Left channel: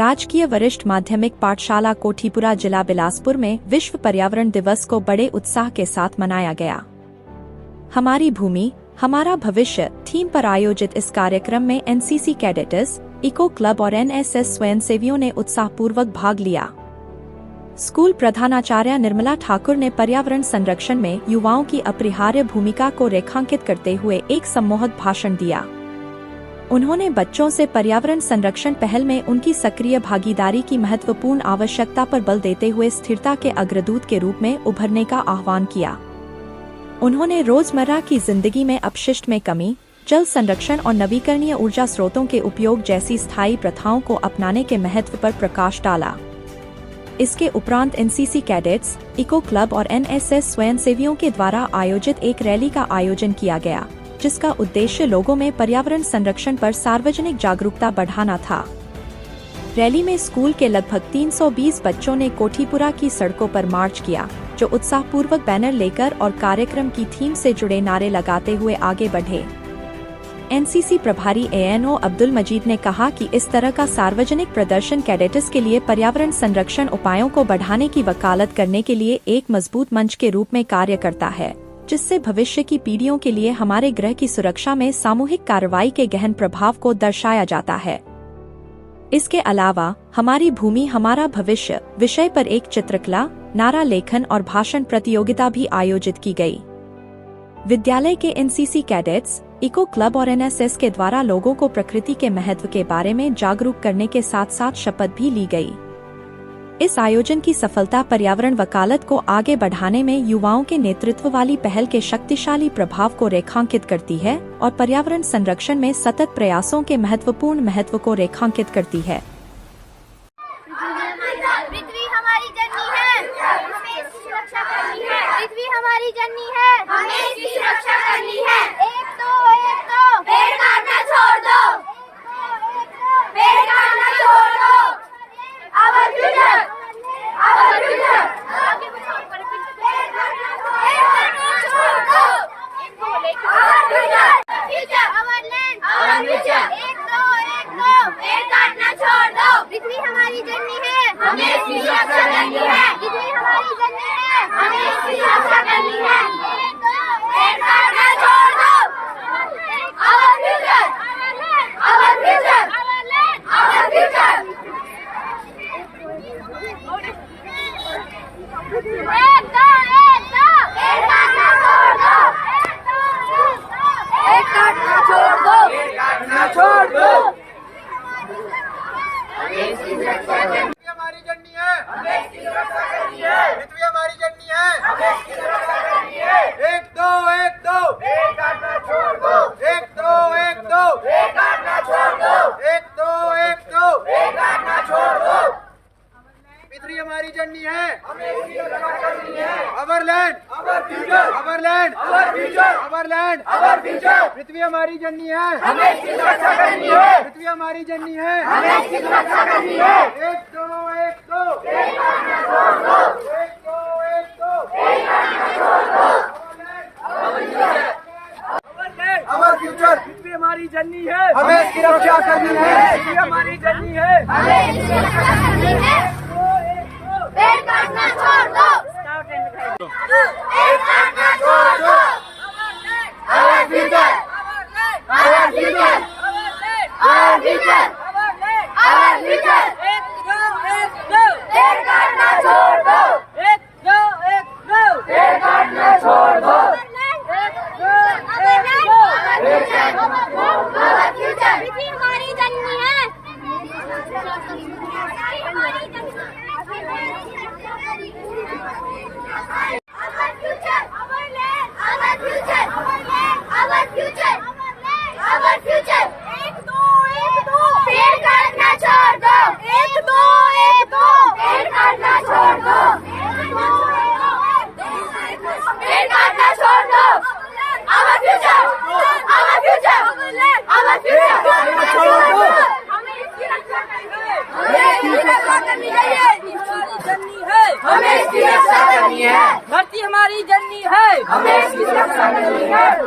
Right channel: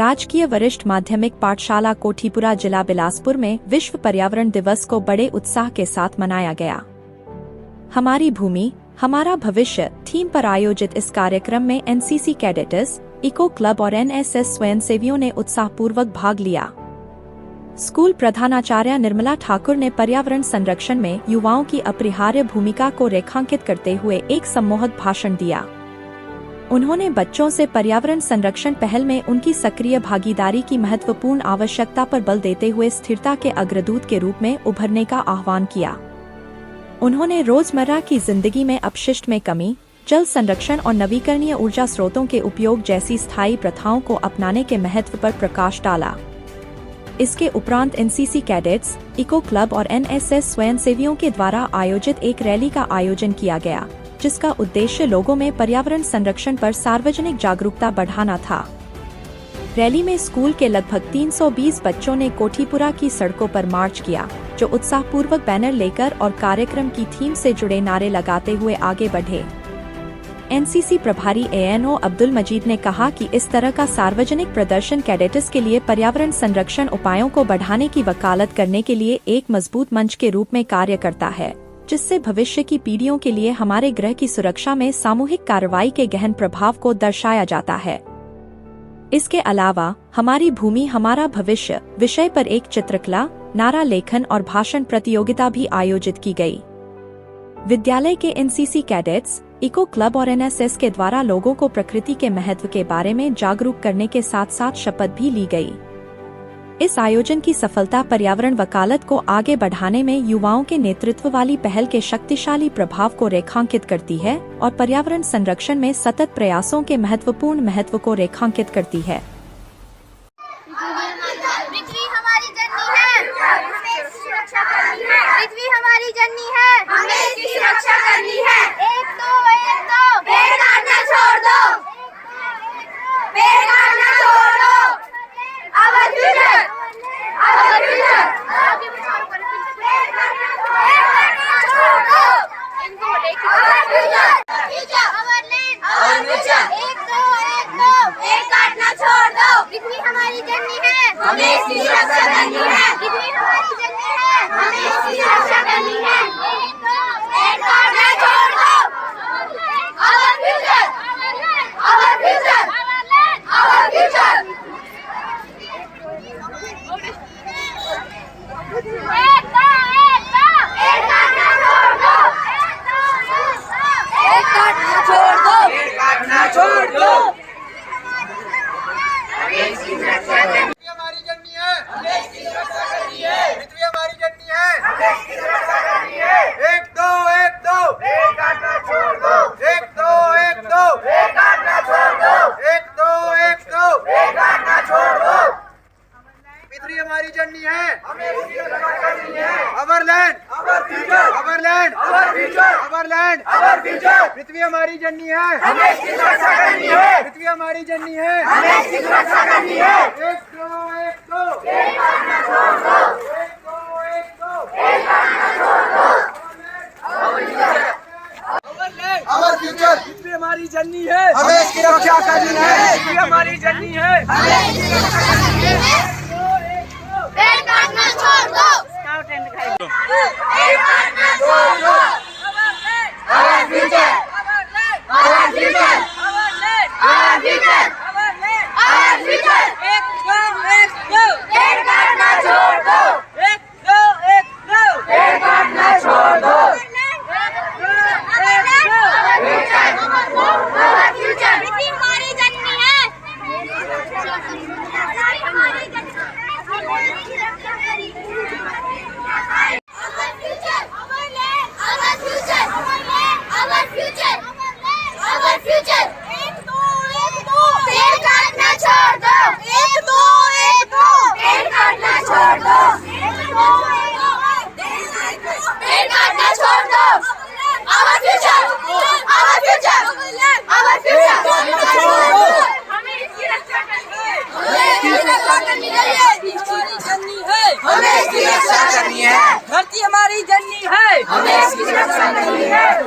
राजकीय वरिष्ठ माध्यमिक पाठशाला कोठीपुरा जिला बिलासपुर में विश्व पर्यावरण दिवस को बड़े उत्साह के साथ मनाया गया। हमारी भूमि हमारा भविष्य थीम पर आयोजित इस कार्यक्रम में एनसीसी कैडेट्स, इको क्लब और एनएसएस स्वयंसेवियों ने उत्साहपूर्वक भाग लिया। स्कूल प्रधानाचार्य निर्मला ठाकुर ने पर्यावरण संरक्षण में युवाओं की अपरिहार्य भूमिका को रेखांकित करते हुए एक सम्मोहक भाषण दिया। उन्होंने बच्चों से पर्यावरण संरक्षण पहल में उनकी सक्रिय भागीदारी की महत्वपूर्ण आवश्यकता पर बल देते हुए स्थिरता के अग्रदूत के रूप में उभरने का आह्वान किया। उन्होंने रोजमर्रा की जिंदगी में अपशिष्ट में कमी, जल संरक्षण और नवीकरणीय ऊर्जा स्रोतों के उपयोग जैसी स्थायी प्रथाओं को अपनाने के महत्व पर प्रकाश डाला। इसके उपरांत एनसीसी कैडेट्स, इको क्लब और एनएसएस स्वयंसेवियों के द्वारा आयोजित एक रैली का आयोजन किया गया, जिसका उद्देश्य लोगों में पर्यावरण संरक्षण पर सार्वजनिक जागरूकता बढ़ाना था। रैली में स्कूल के लगभग 320 बच्चों ने कोठीपुरा की सड़कों पर मार्च किया, जो उत्साहपूर्वक बैनर लेकर और कार्यक्रम की थीम से जुड़े नारे लगाते हुए आगे बढ़े। एनसीसी प्रभारी एएनओ अब्दुल मजीद ने कहा कि इस तरह का सार्वजनिक प्रदर्शन कैडेट्स के लिए पर्यावरण संरक्षण उपायों को बढ़ाने की वकालत करने के लिए एक मजबूत मंच के रूप में कार्य करता है, जिससे भविष्य की पीढ़ियों के लिए हमारे ग्रह की सुरक्षा में सामूहिक कार्रवाई के गहन प्रभाव को दर्शाया जाता है। इसके अलावा हमारी भूमि हमारा भविष्य विषय पर एक चित्रकला, नारा लेखन और भाषण प्रतियोगिता भी आयोजित की गई। विद्यालय के एनसीसी कैडेट्स, इको क्लब और एनएसएस के द्वारा लोगों को प्रकृति के महत्व के बारे में जागरूक करने के साथ साथ शपथ भी ली गई। इस आयोजन की सफलता पर्यावरण वकालत को आगे बढ़ाने में युवाओं के नेतृत्व वाली पहल के शक्तिशाली प्रभाव को रेखांकित करती है और पर्यावरण संरक्षण में सतत प्रयासों के महत्वपूर्ण महत्व को रेखांकित करती है। पृथ्वी हमारी जननी है, हमें इसकी सुरक्षा करनी है। पृथ्वी हमारी जननी है, हमें इसकी सुरक्षा करनी है। एक दो पेड़ काटना छोड़ दो, पेड़ काटना छोड़ दो। Our future, our future, पेड़ काटना छोड़ दो। Our future, our land, our future। एक दो पेड़ काटना छोड़ दो। पृथ्वी हमारी जननी है, हमें इसकी सुरक्षा करनी है। पृथ्वी हमारी जननी है, हमें इसकी सुरक्षा करनी है। एक दो पेड़ काटना छोड़ दो। Our future, our future, our future। एक दो पेड़ काटना छोड़ दो। पेड़ काटना छोड़ दो। पेड़ काटना छोड़ दो। हमारी जननी है, हमें इसकी सुरक्षा करनी है। पृथ्वी हमारी जननी है, हमें इसकी सुरक्षा करनी है। एक दो पेड़ काटना छोड़ दो। एक दो पेड़ काटना छोड़ दो। एक दो पेड़ काटना छोड़ दो। पृथ्वी हमारी जननी है, हमें इसकी सुरक्षा करनी है। Our land, our future, our land, our future, our land, our future. पृथ्वी हमारी जननी है, हमें इसकी सुरक्षा करनी है। पृथ्वी हमारी जननी है, हमें इसकी सुरक्षा करनी है। एक दो पेड़ काटना छोड़ दो। एक दो पेड़ काटना छोड़ दो। Our future, our land, our future. पृथ्वी हमारी जननी है, हमें इसकी रक्षा करनी है। पृथ्वी हमारी जननी है, हमें इसकी सुरक्षा करनी है। पेड़ काटना छोड़ दो। पेड़ काटना छोड़ दो। Our future, our future, our future, Our future। एक दो पेड़ काटना छोड़ दो। एक दो पेड़ काटना छोड़ दो। Our future। पृथ्वी हमारी जननी है। Our future, our land, our future, our future, our future। एक दो पेड़ काटना छोड़ दो। एक दो पेड़ काटना छोड़ दो। पेड़ काटना छोड़ दो। Our future, our future, our future। हमें इसकी रक्षा करनी है। हमें इसकी रक्षा करनी है। हमारी जननी है, हमें इसकी रक्षा करनी है। धरती हमारी जननी है, हमें इसकी रक्षा करनी है।